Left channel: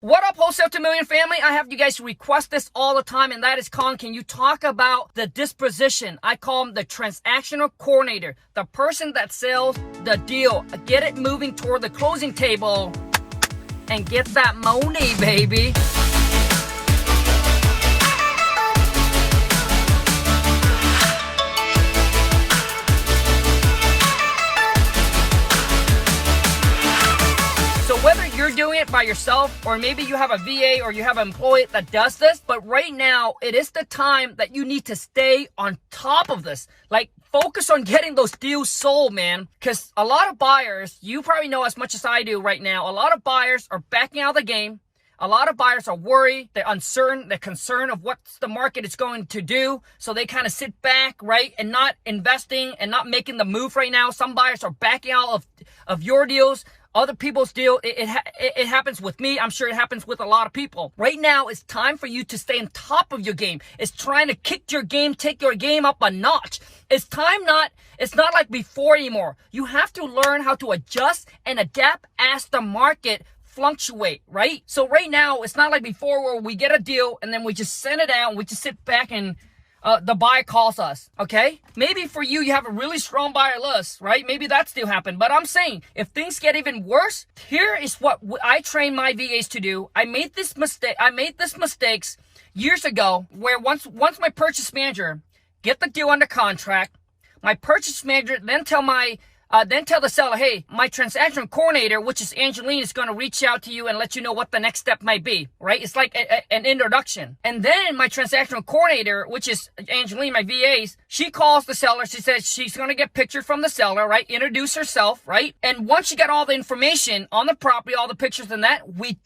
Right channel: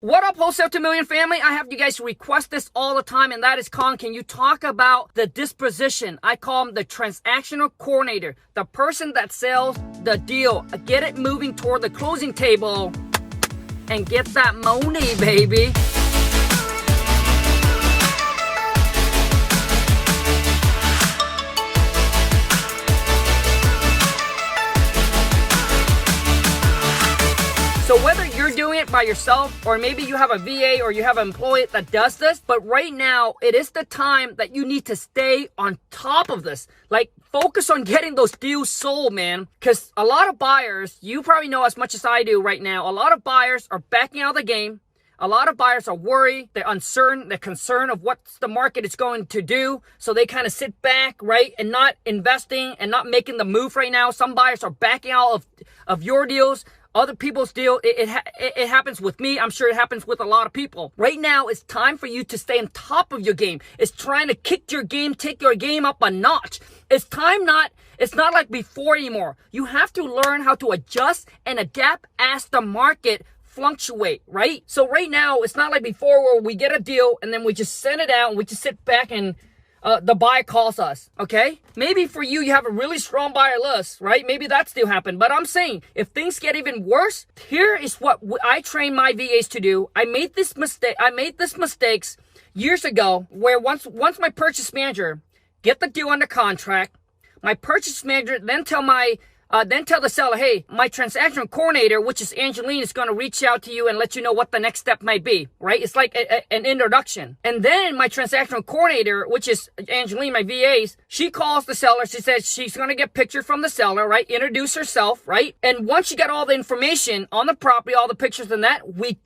What up, Wholesale to Million family? I have you guys request this all the time, and that is, Colin, can you talk about the disposition? I call him the transactional coordinator, the person that sells the deal. Get it moving toward the closing table and get that money, baby. So whether you're doing it by yourself, or maybe you have a VA or you have an employee that does this, but right now it is the time that you need to stay on top of this. Like, focus on getting those deals sold, man. Because a lot of buyers, you probably know as much as I do right now, a lot of buyers are backing out of the game. A lot of buyers are worried, they're uncertain, they're concerned of what the market is going to do. So they kind of sit back, right, and not investing and not making the move right now. Some buyers are backing out of your deals, other people's deal. It happens with me. I'm sure it happens with a lot of people. Right now, it's time for you to stay on top of your game. It's trying to kick your game, take your game up a notch. It's not like before anymore. You have to learn how to adjust and adapt as the market fluctuate, right? So right now, it's not like before where we get a deal and then we just send it out and we just sit back and the buyer calls us, okay? Maybe for you, you have a really strong buyer list, right? Maybe that still happened. But I'm saying, if things get even worse, here is what I train my VAs to do. I made this mistakes years ago, where once my purchase manager get the deal under contract, my purchase manager then tell the seller, hey, my transaction coordinator, which is Angeline, is going to reach out to you and let you know what the next step might be, right? It's like an introduction. And then my transactional coordinator, which is Angeline, my VAs, she calls the seller. She says she's going to get pictures from the seller, right? Introduce herself, right? And once you get all the information on the property, all the pictures and that, we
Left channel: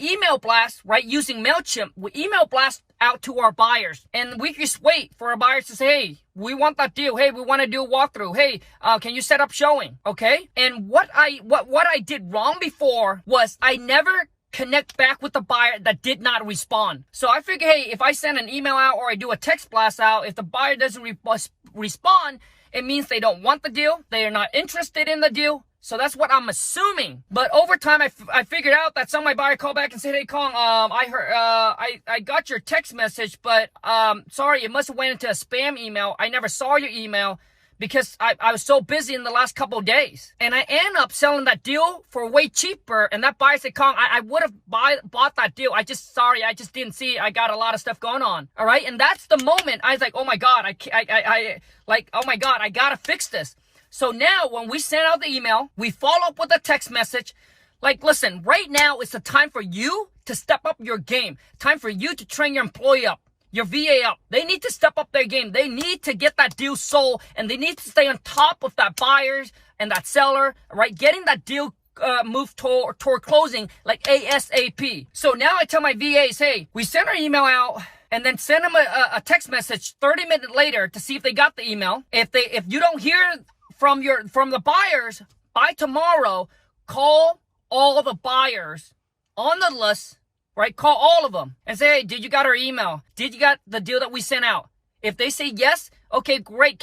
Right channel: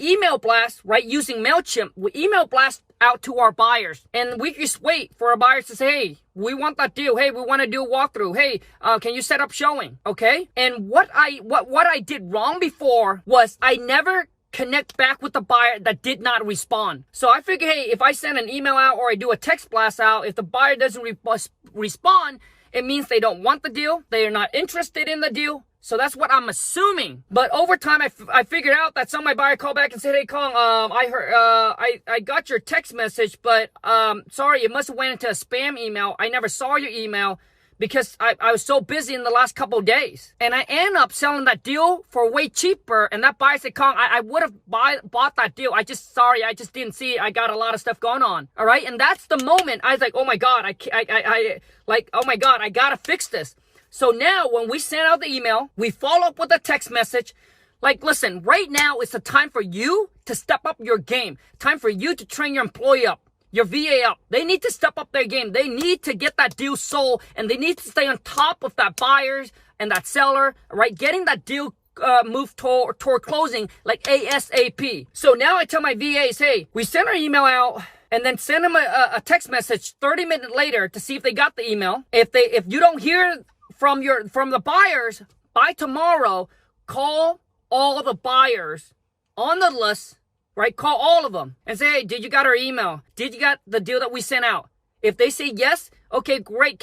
email blast, right? Using MailChimp, we email blast out to our buyers. And we just wait for our buyers to say, hey, we want that deal. Hey, we want to do a walkthrough. Hey, can you set up showing? Okay. And what I did wrong before was I never connect back with the buyer that did not respond. So I figure, hey, if I send an email out or I do a text blast out, if the buyer doesn't respond, it means they don't want the deal. They are not interested in the deal. So that's what I'm assuming. But over time, I figured out that some of my buyers called back and said, hey, Kong, I heard, I got your text message, but, sorry, it must have went into a spam email. I never saw your email because I was so busy in the last couple of days. And I end up selling that deal for way cheaper. And that buyer said, Kong, I would have bought that deal. I just didn't see it. I got a lot of stuff going on. All right. And that's the moment I was like, oh my God, oh my God, I gotta fix this. So now when we send out the email, we follow up with a text message. Like, listen, right now it's the time for you to step up your game. Time for you to train your employee up, your VA up. They need to step up their game. They need to get that deal sold, and they need to stay on top of that buyers and that seller, right? Getting that deal moved toward closing like ASAP. So now I tell my VAs, hey, we send our email out and then send them a text message 30 minutes later to see if they got the email. If you don't hear from the buyers by tomorrow, call all the buyers on the list, right? Call all of them and say, hey, did you got our email? Did you got the deal that we sent out? If they say yes, okay, great.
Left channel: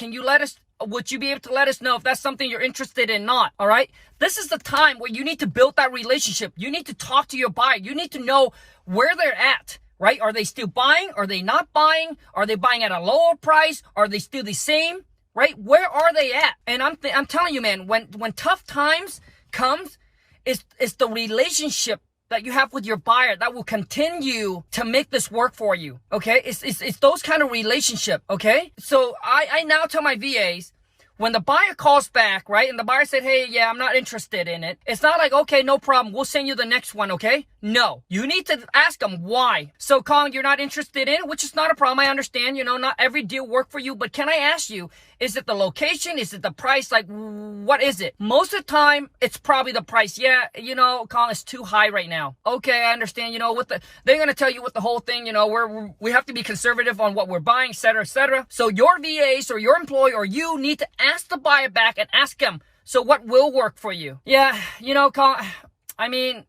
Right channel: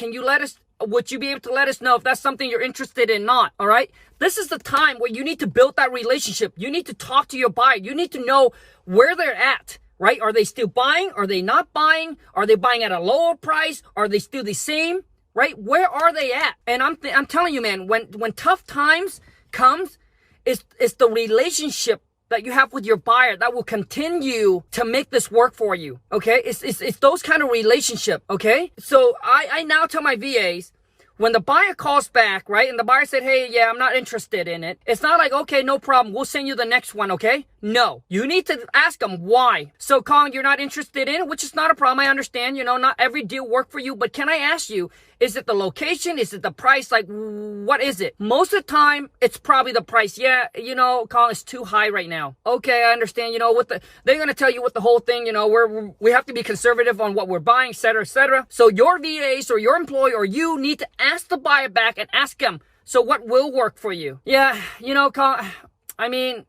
Would you be able to let us know if that's something you're interested in? Not, all right? This is the time where you need to build that relationship. You need to talk to your buyer. You need to know where they're at, right? Are they still buying? Are they not buying? Are they buying at a lower price? Are they still the same? Right? Where are they at? And I'm telling you, man, when tough times comes, it's the relationship that you have with your buyer that will continue to make this work for you. Okay? It's those kind of relationship. Okay? So I now tell my VAs, when the buyer calls back, right, and the buyer said, hey, yeah, I'm not interested in it, it's not like, okay, no problem, we'll send you the next one, okay? No. You need to ask them why. So, Colin, you're not interested in it, which is not a problem. I understand, not every deal worked for you, but can I ask you, is it the location? Is it the price? Like, what is it? Most of the time, it's probably the price. Yeah, Colin, it's too high right now. Okay, I understand, they're going to tell you what the whole thing, we have to be conservative on what we're buying, et cetera, et cetera. So your VAs or your employee or you need to ask the buyer back and ask them, so what will work for you? Yeah, Colin,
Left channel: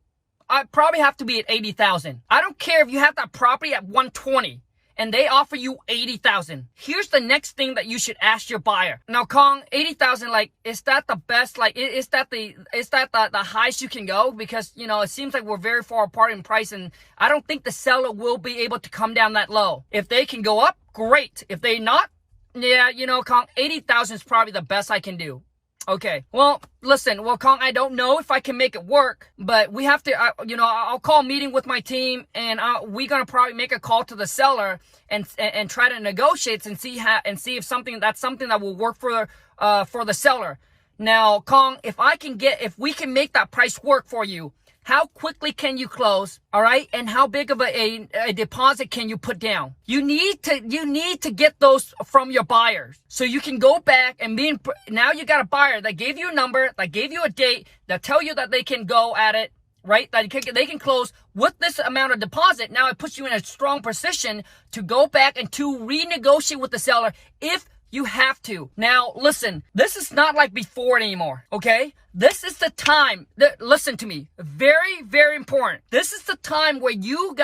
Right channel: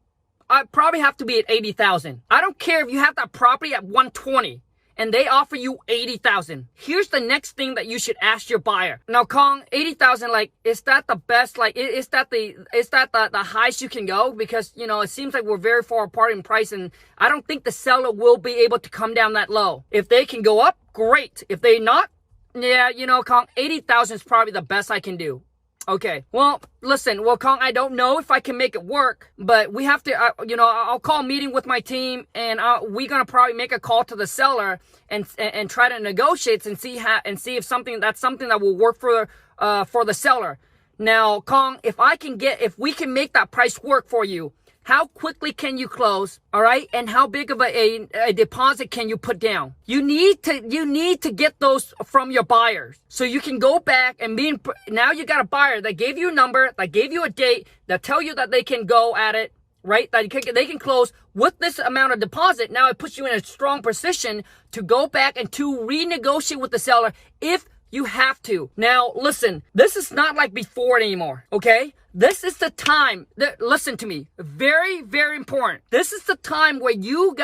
I probably have to be at 80,000. I don't care if you have that property at 120 and they offer you 80,000. Here's the next thing that you should ask your buyer. Now, Kong, 80,000, like, is that the best? Like, is that the highest you can go? Because, you know, it seems like we're very far apart in price, and I don't think the seller will be able to come down that low. If they can go up, great. If they not, yeah, you know, Kong, 80,000 is probably the best I can do. Okay, well, listen, well, Kong, I don't know if I can make it work, but we have to, you know, I'll call a meeting with my team, and we're going to probably make a call to the seller and try to negotiate and see if that's something that will work for the seller. Now, Kong, if we can make that price work for you, how quickly can you close? All right. And how big of a deposit can you put down? You need to get those from your buyers so you can go back and now you got a buyer that gave you a number, that gave you a date, that tell you that they can go at it, right? That they can close with this amount of deposit. Now it puts you in a strong position to go back and to renegotiate with the seller if you have to. Now, listen, this is not like before anymore, okay? This is the time listen to me, very, very important. This is the time where you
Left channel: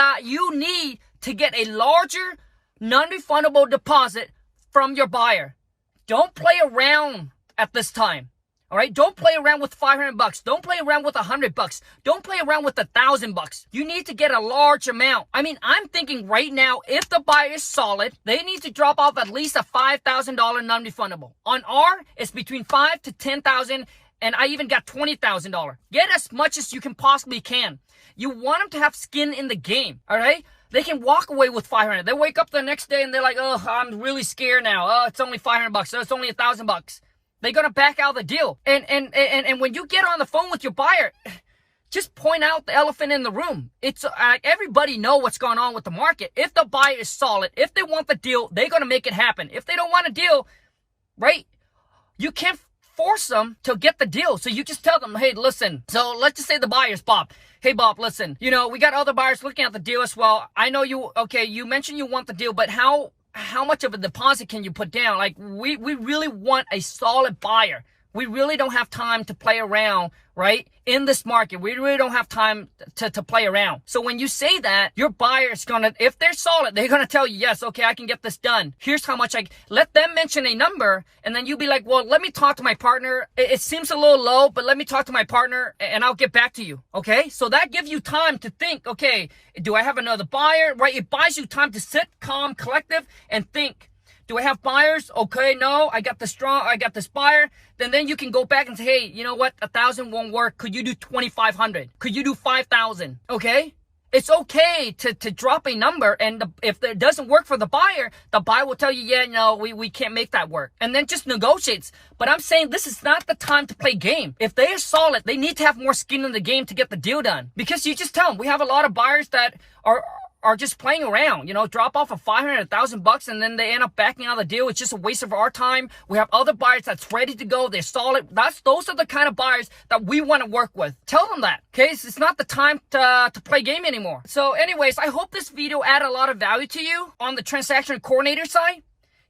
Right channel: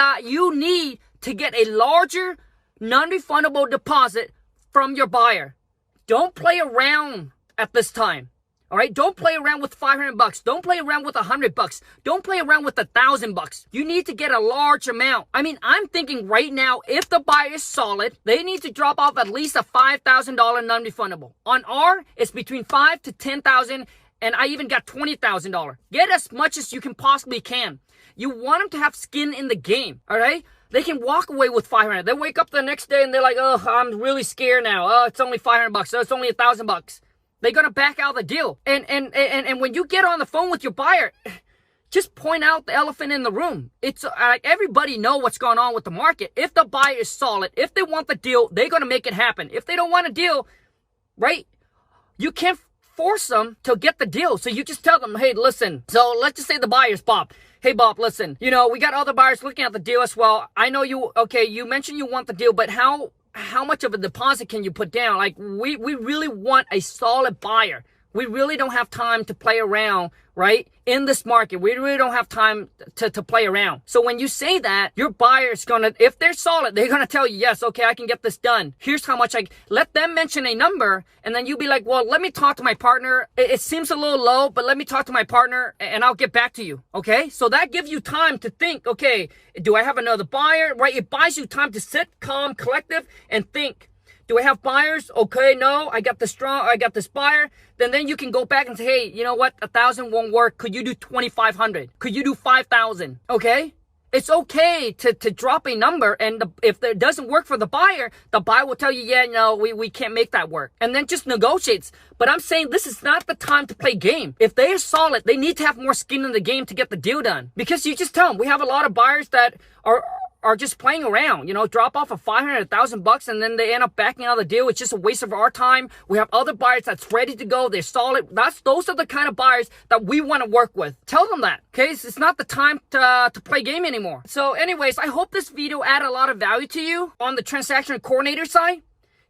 need to get a larger non-refundable deposit from your buyer. Don't play around at this time. All right, don't play around with $500. Don't play around with $100. Don't play around with $1,000. You need to get a large amount. I mean, I'm thinking right now, if the buyer is solid, they need to drop off at least a $5,000 non-refundable. On R, it's between $5,000 to $10,000, and I even got $20,000. Get as much as you can possibly can. You want them to have skin in the game. All right. They can walk away with $500. They wake up the next day and they're like, oh, I'm really scared now. Oh, it's only $500. Oh, it's only $1,000. They're going to back out of the deal. And when you get on the phone with your buyer, just point out the elephant in the room. It's everybody know what's going on with the market. If the buyer is solid, if they want the deal, they're going to make it happen. If they don't want a deal, right, you can't force them to get the deal. So you just tell them, hey, listen. So let's just say the buyer's Bob. Hey, Bob, listen, you know, we got other buyers looking at the deal as well. I know you mentioned you want the deal, but how much of a deposit can you put down? Like, we really want a solid buyer. We really don't have time to play around, right? In this market, we really don't have time to play around. So when you say that, your buyer's gonna, if they're solid, they're gonna tell you, yes, okay, I can get this done. Here's how much let them mention a number, and then you be like, well, let me talk to my partner. It seems a little low, but let me talk to my partner and I'll get back to you. Okay. So that gives you time to think, okay, do I have another buyer? Right? It buys you time to sit calm, collective, and think. Do I have buyers? Okay, no, I got this buyer. Then you can go back and say, hey, you know what? 1,000 won't work. Could you do 2,500? Could you do 5,000? Okay. It's okay to drop a number, and if it doesn't work for the buyer will tell you, yeah, no, we can't make that work. And then just negotiates. But I'm saying this is not the time to play game. If they are solid, they need to have more skin in the game to get the deal done. Because you just tell them, we have a lot of buyers that are just playing around, you know, drop off of $500, $1,000, and then they end up backing out of the deal. It's just a waste of our time. We have other buyers that's ready to go. They're solid. Those are the kind of buyers that we want to work with. Tell them that, okay? It's not the time to play game anymore. So anyways, I hope this video added a lot of value to you on the transaction coordinator side.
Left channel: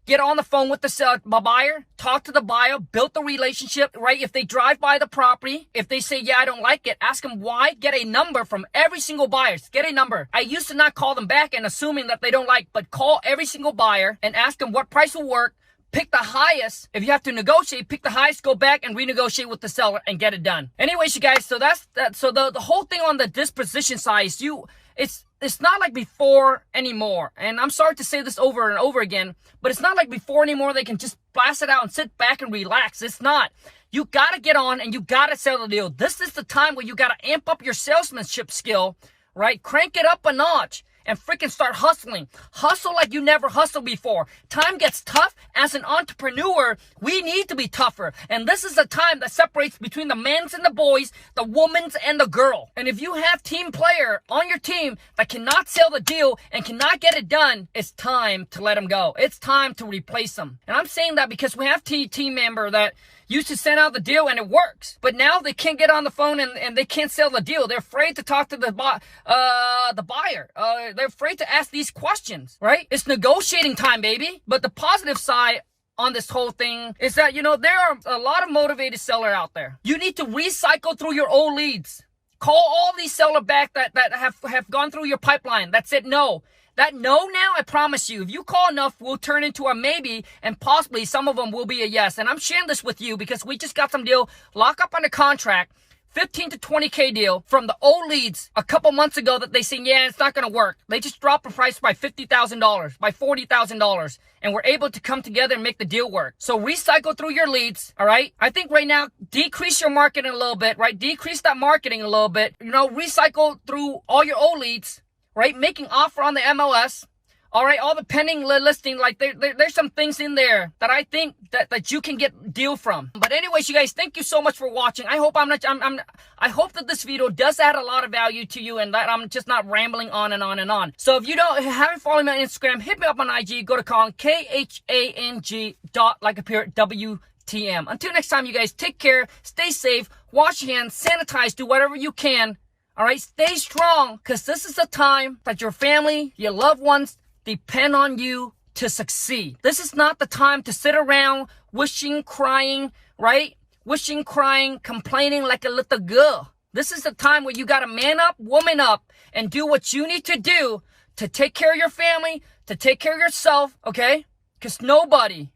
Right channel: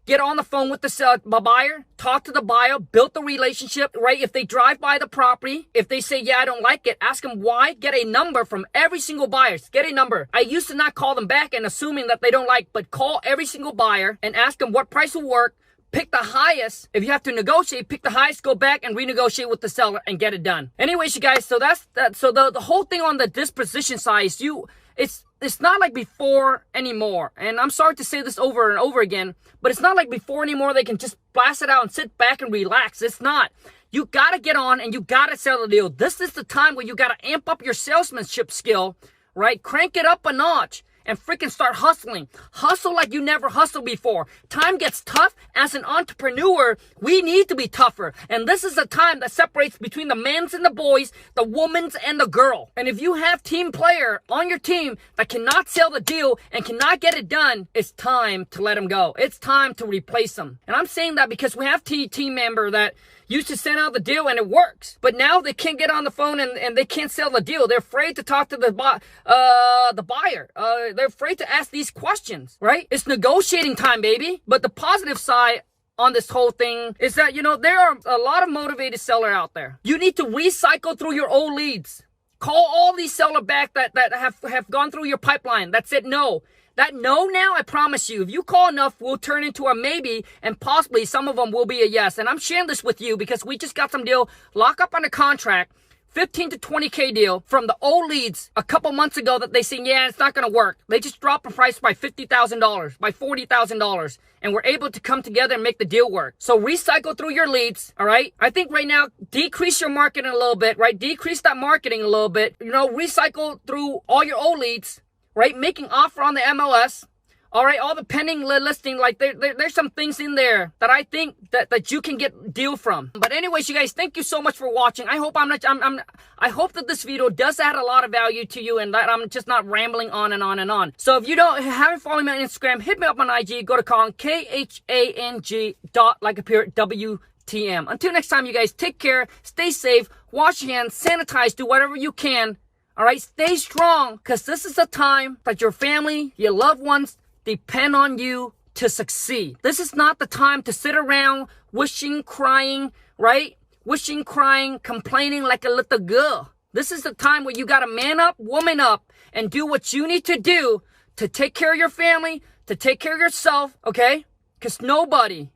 Get on the phone with the buyer, talk to the buyer, build the relationship, right? If they drive by the property, if they say, yeah, I don't like it, ask them why. Get a number from every single buyer. Get a number. I used to not call them back and assuming that they don't like, but call every single buyer and ask them what price will work. Pick the highest. If you have to negotiate, pick the highest, go back and renegotiate with the seller and get it done. Anyways, you guys, so that's that. So the whole thing on the disposition side is it's not like before anymore. And I'm sorry to say this over and over again, but it's not like before anymore. They can just blast it out and sit back and relax. It's not. You got to get on and you got to sell the deal. This is the time where you got to amp up your salesmanship skill, right? Crank it up a notch and freaking start hustling. Hustle like you never hustled before. Time gets tough. As an entrepreneur, we need to be tougher. And this is the time that separates between the men's and the boys, the woman's and the girl. And if you have team player on your team that cannot sell the deal and cannot get it done, it's time to let them go. It's time to replace them. And I'm saying that because we have team member that used to send out the deal and it works. But now they can't get on the phone and they can't sell the deal. They're afraid to talk to the buyer. They're afraid to ask these questions, right? It's negotiating time, baby. But the positive side on this whole thing is that, you know, there are a lot of motivated sellers out there. You need to recycle through your old leads. Call all these sellers back that have gone through your pipeline that said no. That no now, I promise you, if you call enough, will turn into a maybe, and possibly some of them will be a yes. And I'm sharing this with you because we just got some deal, lock up on a contract, 15 to 20K deal from the old leads a couple months ago that they said, yeah, it's not going to work. They just dropped the price by $50,000, by $40,000, and we're able to come together and make the deal work. So recycle through your leads, all right? I think right now, decrease your marketing a little bit, right? Decrease that marketing a little bit. You know, recycle through all your old leads, right? Making offer on the MLS. All right, all the pending listing, like there's some things in there that I think that you can get deal from. But anyways, you guys, thank you so much for watching. I hope I hope that this video does add a lot of value to you and that I'm just not rambling on and on and on. So if you haven't followed me on Instagram, hit me up on IG. Go to Khang, KHANG WTM. Until next time, you guys, take care, stay safe, wash your hands, sanitize, do whatever you can. All right, stay strong, because this is the time that your family, your loved ones, depend on you to succeed. This is not the time to sit around wishing, crying, right? Wishing, crying, complaining like a little girl. This is the time where you gotta man up, woman up, and do what you need to do to take care of your family, to take care of yourself, okay? Because nobody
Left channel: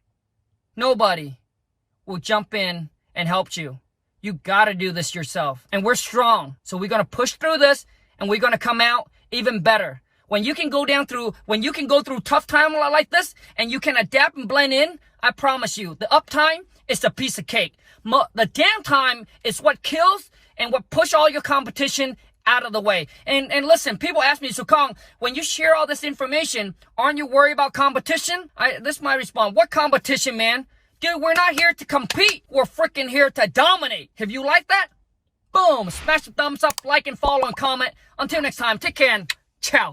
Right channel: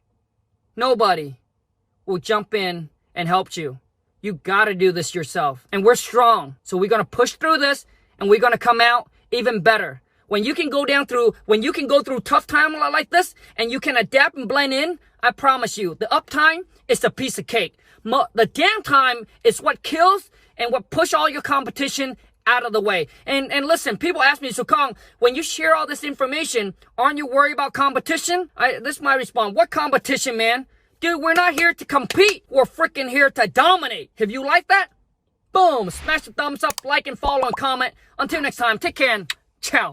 will jump in and help you. You gotta do this yourself. And we're strong. So we're gonna push through this, and we're gonna come out even better. When you can go through tough time like this and you can adapt and blend in, I promise you, the uptime is a piece of cake. The downtime is what kills and what push all your competition out of the way. And listen, people ask me, so Khang, when you share all this information, aren't you worried about competition? This is my response. What competition, man? Dude, we're not here to compete. We're freaking here to dominate. If you like that, boom, smash the thumbs up, like and follow and comment. Until next time, take care and ciao.